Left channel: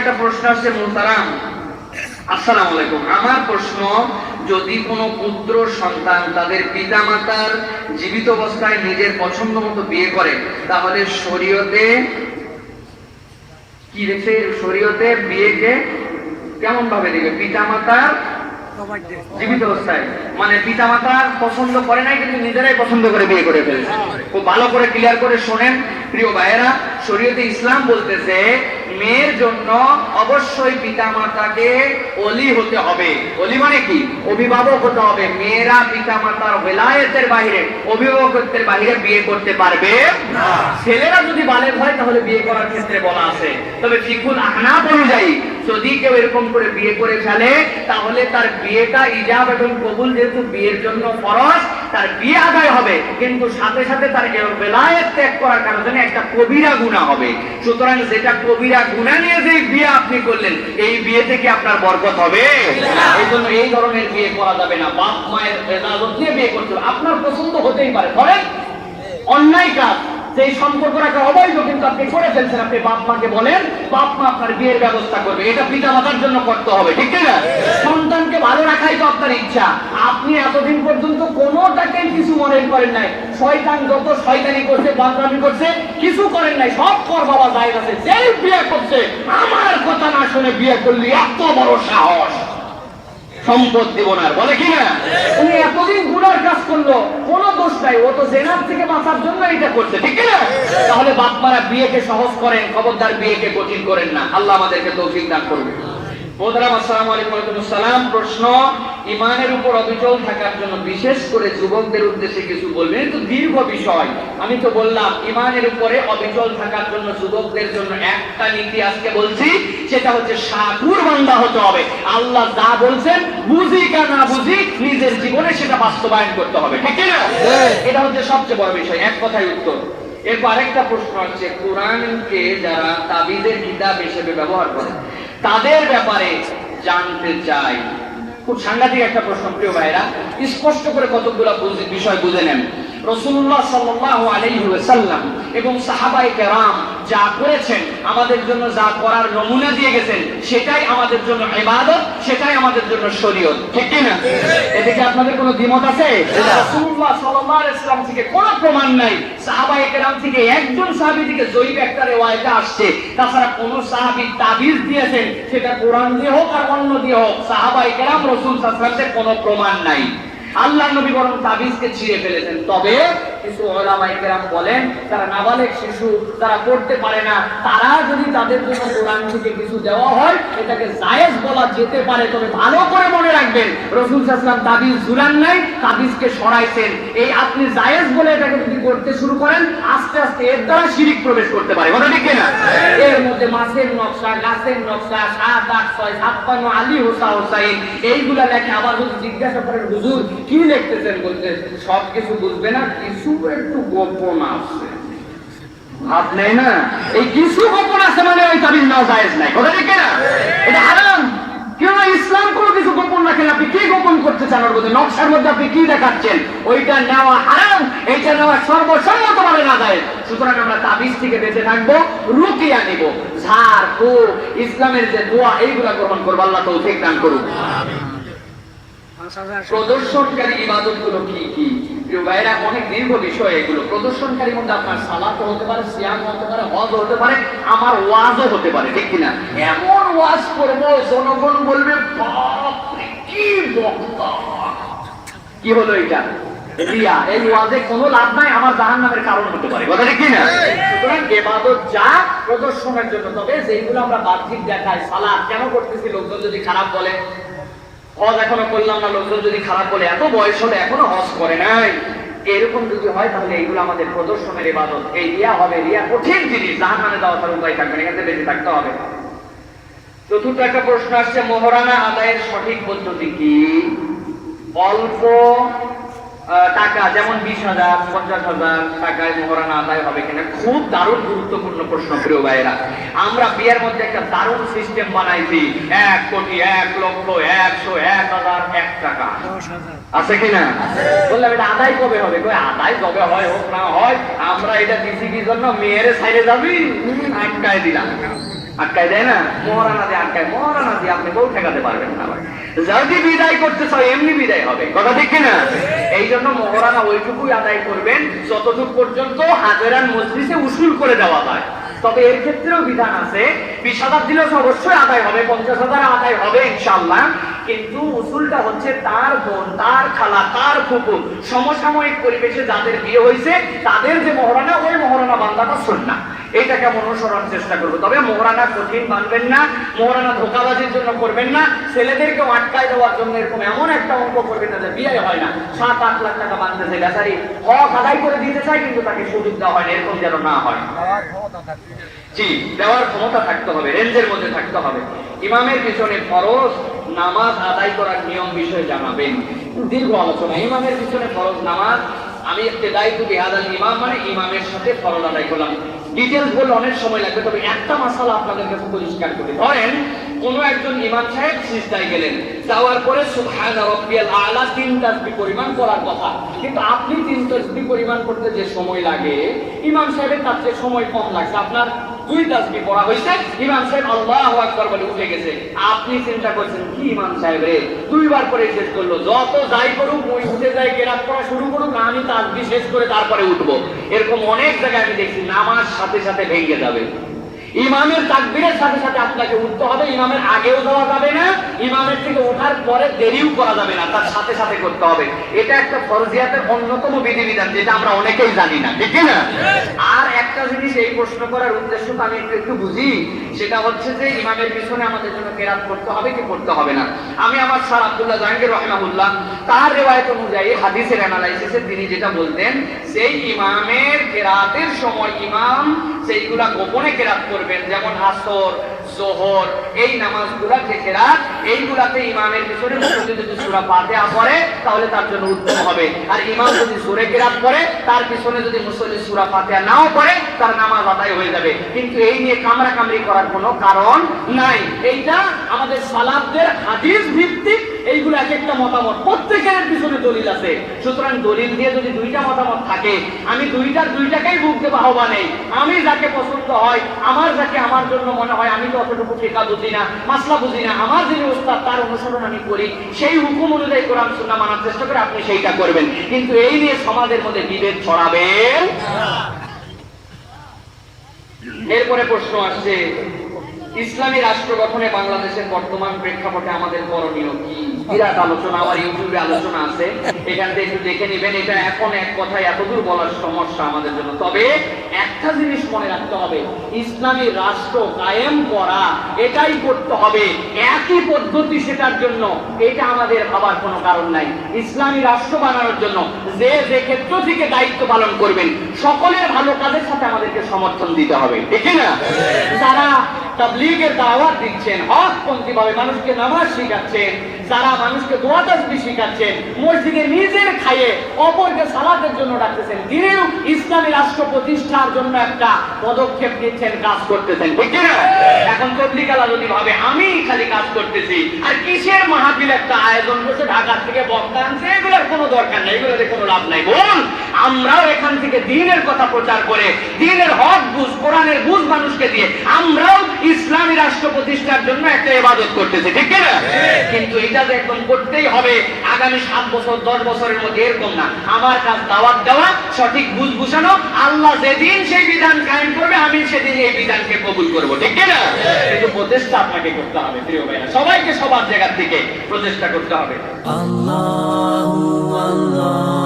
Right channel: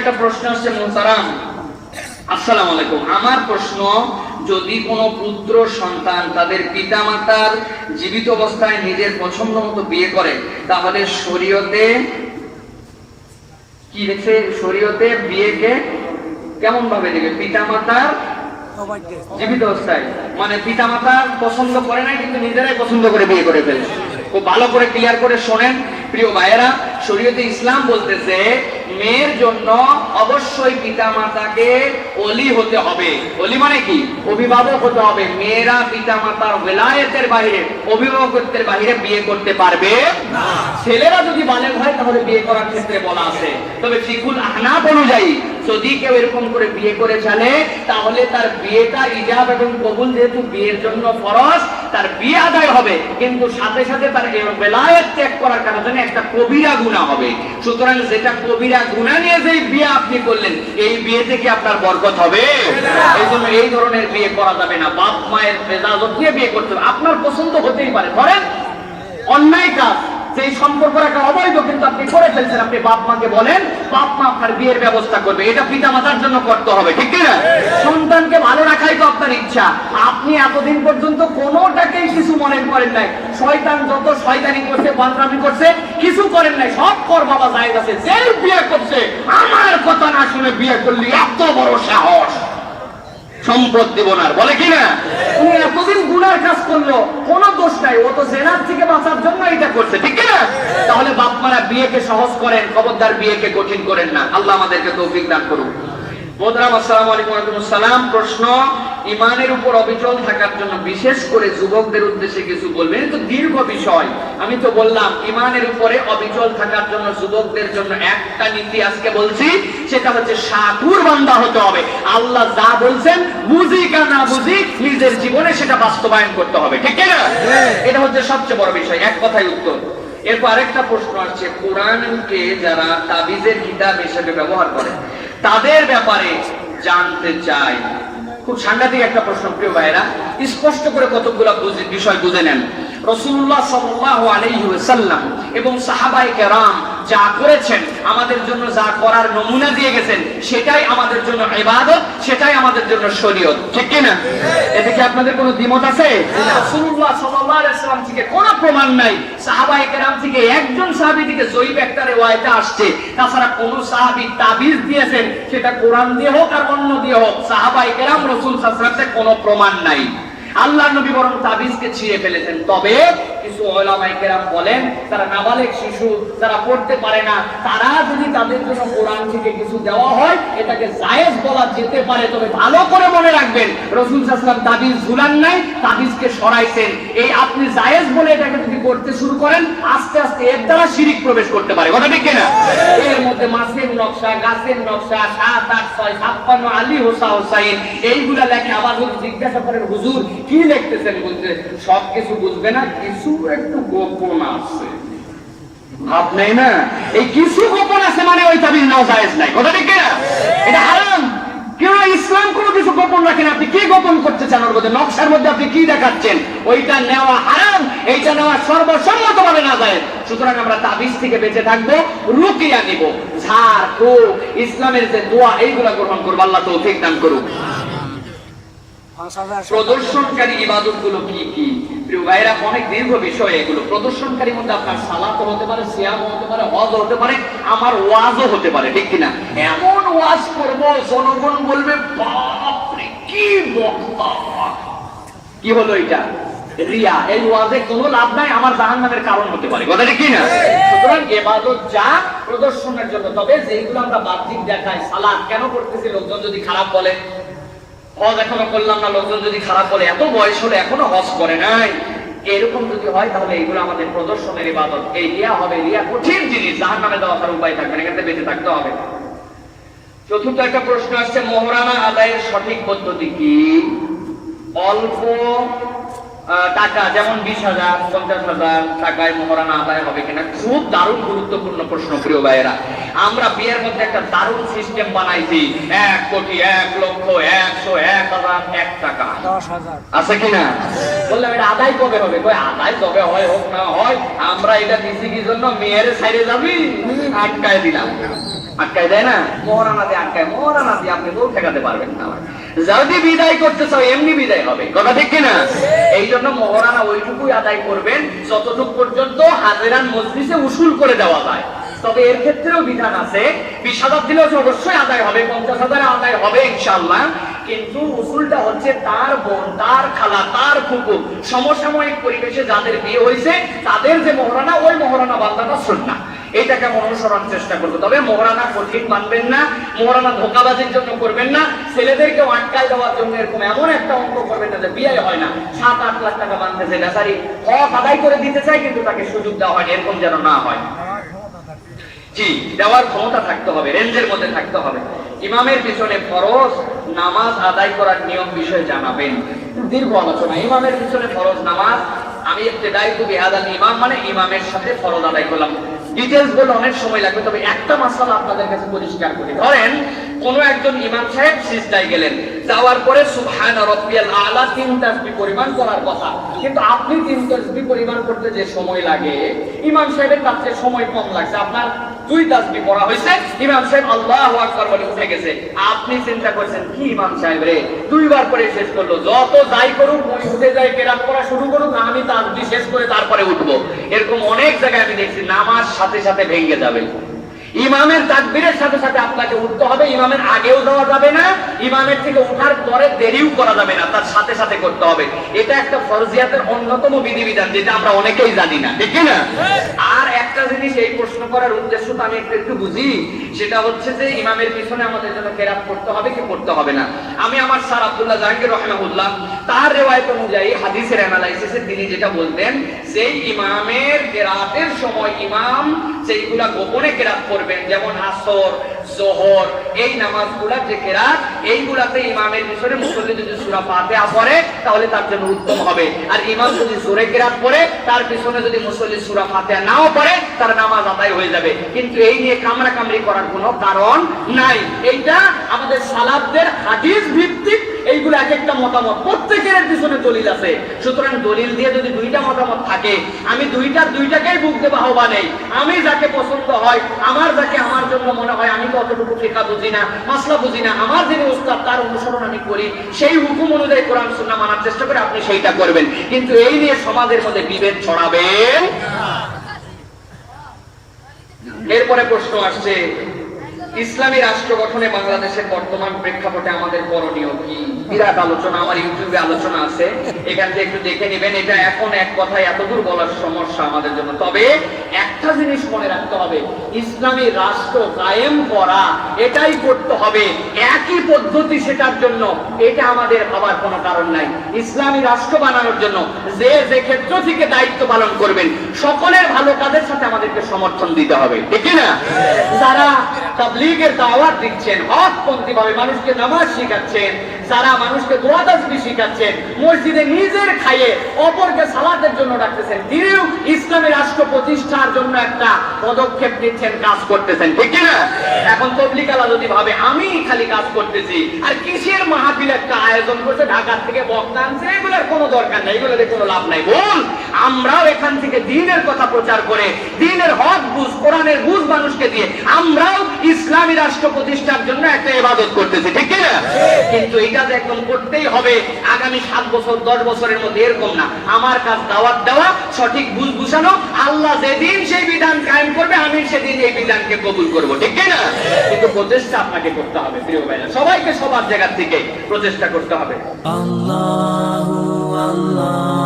একটা প্রশ্ন আসছে মুহতারাম, আসসালামু আলাইকুম। আমার প্রশ্ন, যদি কোনো পুত্র সন্তান তাদের পিতামাতার জীবিত অবস্থায় নিজের পছন্দ মতো বিয়ে করে, তাহলে শরীয়তে কি রেখে, শরীয়তে বিয়েকে কেমন ভাবে দিবে? পিতামাতার জীবিত অবস্থায়, মানে পিতামাতার পছন্দ করে নাই কিন্তু নিজেরাই পছন্দ করে বিয়ে করে ফেলছে। খুব ভালো করে ক্লিয়ার করে শোনেন প্রিয় ভাইয়েরা, শরীয়তে ইসলাম বলতেছে মেয়ের জন্য অবশ্যই পিতামাতাকে ওলি হতে হবে। ওলি মানে কি? অভিভাবক হতে হবে। মেয়েরা পিতামাতার ওলায়েতের বাইরে, অভিভাবকত্বের বাইরে বিয়ে করতে পারবে না। ছেলেরা যদি বালেগ হয় তাহলে বিয়ে করার ক্ষেত্রে বলা আছে, তবে ফিকুল আহনাফ অনুযায়ী যদি কেউ এরকম করে বিয়ে করে ফেলে তাহলে তার বিয়েটা ইজাব এবং কবুল, যেহেতু বিয়ের জন্য ফরজ, তার বিয়ে আদায় হবে, কিন্তু সাথে সাথে তার ওলায়েত ত্যাগ করার কারণে একটা কবিরা গুনাহ হবে। সুতরাং যেটা কবিরা গুনাহ নিয়ে যে বিয়ে আপনি করলেন, এই বিয়ে থেকে আপনার বরকত হবে না। এজন্য এই ধরনের বিয়ে করা যাবে না। বাপ মায়ের মেজাজত নিয়ে বিয়ে করতে হবে। আপনার পছন্দ হতেই পারে, ধরেন অন্যায় কাজ, সেই সম্পর্ক একটা অবৈধ, কিন্তু আপনি করে ফেলছেন, আপনি বাপ মাকে বলেন বাপ মা আপনার বিয়ের ব্যবস্থা করবে, এটা পিতা মাতার জন্য করতে হবে, ঠিক না? সন্তানকে ভালো রাখাই তো আপনার ইচ্ছা। আপনি এতদিন পর্যন্ত কোনোটাকেই কিছু মনে করেন নাই, শয়তান যত শয়তানি করছে, পাগলামি করছে, কিছু করেন নাই, সব কর বাবা জায়েজ আছে। যে বিয়ে করছে আমার কথা না শুনে বিয়ে করলি, এত বড় সাহস, সম্পদ দেব না বলে কিনা? উনি এতদিন গুনার কাজ করলো, কোনো দোষ নাই, ও তো জেনার থেকে বাঁচার জন্য এটা করছে, ঠিক না? তাহলে বাপ মারা বিয়েকে সহজ করেন, খবরদার বিয়েকে কঠিন করেন না। আল্লাহ আমাদেরকে তৌফিক দান করুন। আসসালামু আলাইকুম। সালাম। প্রশ্ন, ইমানের উপর অবিচল থাকার জন্য বিশেষ করে যুবকদের উদ্দেশ্যে কিছু বলবেন? তো দীর্ঘ বিষয়, আমি তো বললাম ইমানের উপরে অবিচল থাকার জন্য যুবকদের জন্য একটা নীতি আজকে বলছি, সেটা হচ্ছে সাধুর বান্দা হতে হবে। আল্লাহ যা বলছেন, বুঝি কা না বুঝি, নিজের জীবনে সেটা বাস্তবায়ন করতে হবে, ঠিক না? এটা হচ্ছে সবচেয়ে বড় বিষয়। এক কথায় উত্তর। এরপর আরেকটা প্রশ্ন আছে, কোরআনকে যারা তাবিজের কিতাব হিসেবে ব্যবহার করে তাদের ব্যাপারে জানতে চাই। খুব সাংঘাতিক একটা প্রশ্ন প্রিয় ভাইরা, স্পষ্ট করে কতগুলো বিষয় বুঝে নেন। রাসূলুল্লাহ সাল্লাল্লাহু আলাইহি ওয়াসাল্লাম এবং সাহাবায়ে কেরাম যা করেছেন, আমাদের জন্য যা করার নমুনা দিয়ে গেছেন, সেটাই আমাদের জন্য ইবাদত, সেটাই আমাদের জন্য শরীয়ত, ঠিক কি না? এতে কি আপনাদের কোনো দ্বিমত আছে? রাসূলুল্লাহ সাল্লাল্লাহু আলাইহি ওয়াসাল্লাম থেকে কোনো প্রমাণ নাই, সাহাবায়ে কেরাম থেকে একজন সাহাবী থেকে জয়ীব একটা রিওয়ায়াতে আসছে, তাছাড়া কোন সাহাবী তাবিজ দিয়েছেন, সেটা কোরআন দিয়ে হোক আর অন্য দিয়ে হোক, সাহাবায়ে কেরাম রাসূল সাল্লাল্লাহু আলাইহি ওয়াসাল্লামের কোনো প্রমাণ নাই। আল্লাহর নবী বরং তাবিজকে ছিঁড়ে ফেলেছেন। তবে কিছু উলামায়ে কেরাম বলেন, তারা নাবালেগ শিশু, তারা পড়তে পারে না, তারা যদি তাদের জন্য কোরআন থেকে কিছু দেওয়া হয়, এটাকে জায়েজ বলা যেতে পারে। তবে ভালো করে মনে রাখবেন, রাসূল সাল্লাল্লাহু আলাইহি ওয়াসাল্লাম তাবিজ ঝুলান নাই, তাবিজকে সরাইছেন। এই আপনি জায়েজ বলে এটাকে যদি করতে শুরু করেন, আস্তে আস্তে এর দ্বারা শিরিক প্রবেশ করতে পারে, কথা ঠিক কিনা? এর মধ্যে মাছের নকশা, গাছের নকশা, 7, 8, 6, 56 আলী হুসাইন, এইগুলা দেখে আবার যদি জিজ্ঞাসা করেন হুজুর কি লিখতেছেন, বলতে সব কিছু বুঝবে না, কিছু একটু গোপন আছে, ভাব নেই না? এই কিছু গোপন আছে মানে ওই তাবিজ নাও জায়েজ নাই, কথা ঠিক কিনা? এটা হারাম। কেউ ইসলাম কোনো কিছু গোপন রাখেন, আপনি কি গোপন করতে চান? ওর মধ্যে নকশার মধ্যে আপনি কি দেখাচ্ছেন? ওইটা নেওয়া হারাম, এইটা নেওয়া সর্বসম্মতভাবে না যায়। সুতরাং আমরা তাবিজ থেকে বেঁচে থাকবো, রুকিয়া নিব, ঝাড় ফুঁক, ইসলামের যে দোয়া, এইগুলা গ্রহণ করবো। আল্লাহ তৌফিক দান করুন। প্রদর্শনকারী ইবাদতগুলো কি কি? প্রিয় ভাইরা, অনেক দীর্ঘ বিষয় এগুলো। প্রদর্শনকারীর মধ্যে আপনার সালাত হতে পারে, সিয়াম হতে পারে, হজ হতে পারে, আমার ওয়াজও হতে পারে, ঠিক কিনা? এমন ওয়াজ করব জনগণ বলবে বাপ রে কি বক্তা। কি হলো এটা? রিয়া। এই ওয়াজে কোনো লাভ নাই, আমার জাহান্নামের কারণ হতে পারে, কথা ঠিক কিনা? সুতরাং ইবাদত যা প্রদর্শনের জন্য, তবে যেগুলো আমরা বাহ্যিক দেখাই, সালাত কেন করতেছি, লোকজন যদি খারাপ বলে, হজ এখনো করলাম না, লোকজন যদি খারাপ বলে, এত বয়স হলে এখনো হজ করে নাই, এরকম যদি হয় তাহলে এইগুলো আমাদের প্রদর্শনের ইবাদত। এই রিয়া হবে, রিয়া কঠিন জিনিস, জাহান্নামে যাওয়ার উপায় থাকবে না, এখান থেকে বেঁচে থাকতে হবে। চতুর্থ একটা প্রশ্ন আসছে, মোহরানা আদায়ের সঠিক পদ্ধতি কি? অল্প টাকা, যেমন 20,000, 50,000 টাকায় মোহরানা আদায় হবে কিনা? খুব দারুণ গুরুত্বপূর্ণ প্রশ্ন প্রিয় ভাইয়েরা। আমরা বিয়ের মধ্যে একটা দারুণ সিস্টেম বানাইছি, 1 কোটি, 1 লক্ষ, 100, 1,000, 1 টাকা, 10,000 আছে কিনা? বললাম এটা আদায় কবে হবে? আদায় কবে হয় হোক না হয়, আমরা এটা দিছি কি জন্য? মেয়ের সাইডে যাবি, আটকায় দিলাম। আটকায় দেয় না, মহারানা দিয়ে আটকায়, মহারানা দিয়ে আপনি কোন ঠেকাতে পারবেন না। যদি বিদায় করতে চাও এমনি বিদায় হবে, কথা ঠিক কিনা? এই জন্য মহারানা ওইটুকুই আদায় করবেন যতটুকু পর্যন্ত হাজেরান মজলিসে উসুল করে দেওয়া যায়। তবে এর ক্ষেত্রেও বিধান আছে, 20,000 দিলেও অবশ্যই আদায় হবে, 50,000 আদায় হবে ইনশাআল্লাহ। কিন্তু উসুলটা হচ্ছে তার বোন, তার খালা, তার কুকুর, সমসাময়িক পরিবেশে যাদের বিয়ে হয়েছে তাদের যে মহারানা, ওই মহারানা বান্দাটা সুন্নাহ, এইটাকে অনুসরণ চেষ্টা করবো। তবে মহারানা কঠিন মানবেন না, মহারানা ধোঁকাবাজির জন্য করবেন না, ছেলেদেরকে আটকায় দেওয়ার জন্য এরকম এমন একটা অঙ্ক করবেন না যে বিয়ে হয় না, 7-8 লাখ টাকা বাঁধতেছে, বেচারি হক আদায় করে দিতে চায় কিন্তু তাকে সুযোগ দেওয়া হয় না, এরকম যেন না হয়। জি, দেওয়ার ক্ষমতা থাকতে হবে, রেঞ্জের মধ্যে থাকতে হবে। ইমামের পিছনে ফরজ নামাজ আদায় করার নিয়ম বিষয়ে জানাবেন, দীর্ঘ আলোচনা। ইমামের পিছনে ফরজ নামাজ, আমি ইবতিদাইতু বিহাদাল ইমাম মানে ইমামের সাথে ফরজ আদায় করলাম। ডিটেইলস বলে অনেক সময় লাগবে, তবে একটা মাসালা আপনাদের কাছে পরিষ্কার করি। ধরেন কোন একজন ইমাম সাহেব সিজদায় গেলেন, যাওয়ার পরে সুবহান রাব্বিয়াল আলা 3 তাসবিহ পরিমাণ করার কথা, কিন্তু আপনি 3 তাসবিহ পরিমাণ করতে যে সময় লাগে ইমাম সাহেবের তার চেয়ে সময় কম লাগছে, আপনার 2 তাসবিহ পড়া হয়েছে, ইমাম সাহেব আল্লাহু আকবার বলে উঠে গেছে। আপনি চিন্তা করছেন কি ইমাম সাহেব রে 2 বার পরে শেষ করলো, যত যাই করুক ওই উঠে যায় কেরাত পড়া শুরু করুক, আমি তাসবিহ শেষ করে তারপরে উঠবো। এরকম অনেক জায়গায় আমি দেখছি নামাজ সাথে সাথে ভেঙে যাবে। ইমামের তাকবীরের সাথে সাথে আপনাকে উঠতে হবে, ইমামের আগেও যাওয়া যাবে না, ইমামের থেকে ওঠার পরে দেরিও করা যাবে না, তার সাথে সাথে করতে হবে। এটা একটা ফরজিয়াতের অন্যতম বিধিবিধান, যেটা আমরা অনেকেই জানি না, ঠিক না? আর একটা জিনিস এই প্রশ্ন করার উদ্দেশ্য তো আমি একটু বুঝি, সেটা হচ্ছে যে ইমামের পিছনে আমাদের জন্য কেরাত করতে হবে কি করতে হবে না। আমি আমার স্যার আব্দুল্লাহ জাহাঙ্গীর রাহিমাহুল্লাহ তার রিওয়ায়াত অনুযায়ী হাদিসের অ্যানালাইসিসে তিনি যেটা বলতেন, সেই ইমামের কেরাতের সময় ইমাম সেইগুলা গোপনে কেরাত করবেন, যেমন আসর, যোহর, এই নামাজগুলা যে কেরাত, এইগুলাতে ইমামের পিছনে মুসল্লি যদি সূরা ফাতিহা পড়ে তাহলে তার জন্য উত্তম হবে। আর ইমাম যদি জোরে কেরাত করে, তার পিছনে যদি মুসল্লি সূরা ফাতিহা নাও পড়ে, তার নামাজ আদায় হয়ে যাবে। কিন্তু এই নিয়ে কামড়াকামড়ি করার কোনো কারণ নাই। এইটা আমাদের সালাফদের হাদিস ভিত্তিক, এইগুলো এক একটা মতামত, প্রত্যেকের পিছনে দলিল আছে। সুতরাং দলিল দিয়ে যদি 2টা মতামত থাকে, আমি দুইটাকেই বুক দেব আহ্বানে। আমি যাকে পছন্দ হয়, যাকে আমার জন্য মনে হয়, আমি তো অতটুকু ফিকহ বুঝি না, মাসলা বুঝি না, আমার যিনি উস্তাদ তার অনুসরণ আমি করি, সেই হুকুম অনুযায়ী কোরআন সুন্নাহ মানার চেষ্টা করে আপনি সেইটা করবেন। কিন্তু এই নিয়ে সমাজের মধ্যে বিভেদ ছড়াবেন না। এরপরে প্রশ্ন আসছে, ইসলামী রাষ্ট্র গঠনে বাংলাদেশের বর্তমান প্রেক্ষাপটে আমাদের করণীয় কি? বিরাট আলোচনা, আমার ইউটিউবে আলোচনা আছে, এখান থেকে একটু দেখে নেবেন। এটা এখন এক কথায় এতদূর বলার সমস্যা আমাদের জন্য। তবে একটা জিনিস মনে রাখতে হবে, ইসলামী রাষ্ট্র কায়েম করা এটাই করতে হবে, একই পদ্ধতি সেটার জন্য, এটা আমাদের ভাবার কোনো কারণ নাই। ইসলামী রাষ্ট্র বানানোর জন্য যে যে ক্ষেত্র থেকে দায়িত্ব পালন করবেন, সকলের ভালো কাজের সাথে আমাদেরকে সমর্থন দিতে হবে, ঠিক না? যারা তাবলীগের দাওয়াত দিচ্ছেন, হকপন্থী ভাবে মানুষকে নামাজ শিখাচ্ছেন, যারা মানুষকে দোয়া তাসবিহ শিখাচ্ছেন, মসজিদে নিজের খাইয়ে অপরকে সালাতের জন্য ডাকতেছেন, তিনিও ইসলামী রাষ্ট্র প্রতিষ্ঠার জন্য একটা পদক্ষেপ নিচ্ছেন, কাজ করতেছেন, ঠিক না? এখন তবলীগওয়ালা যদি ভাবে আমি খালি কাজ করতেছি, আর কিসের মাহফিল একটা আয়োজন করছে, ঢাকা থেকে বক্তা আনছে, এগুলোর কোনো দরকার নেই, এগুলোর কোনো লাভ নাই। বল, আমরাও এখান থেকে দ্বীনের কথা প্রচার করে, দ্বীনের হক বুঝ, কোরআনের বুঝ মানুষকে দিয়ে আমরাও ইসলামী রাষ্ট্র প্রতিষ্ঠার জন্য একটা ইবাদত করতেছি, ঠিক না? কিন্তু এটা তো এখন করতেই হবে আগামী 7 বছর 10 বছরের মধ্যে, এরকম না। আমার কাজ দাওয়াত দেওয়া, সঠিক বুঝ বুঝানো, আল্লাহ যেদিন সেই বিধান কায়েম করবে আমি সেদিন এই বিধানকে কবুল করব, ঠিক না? কিন্তু প্রচেষ্টা আপনাকে করতে হবে প্রিয় ভাইরা, সবাইকে সবার জায়গা থেকে প্রচেষ্টা করতে হবে। আল্লাহু আল্লাহ।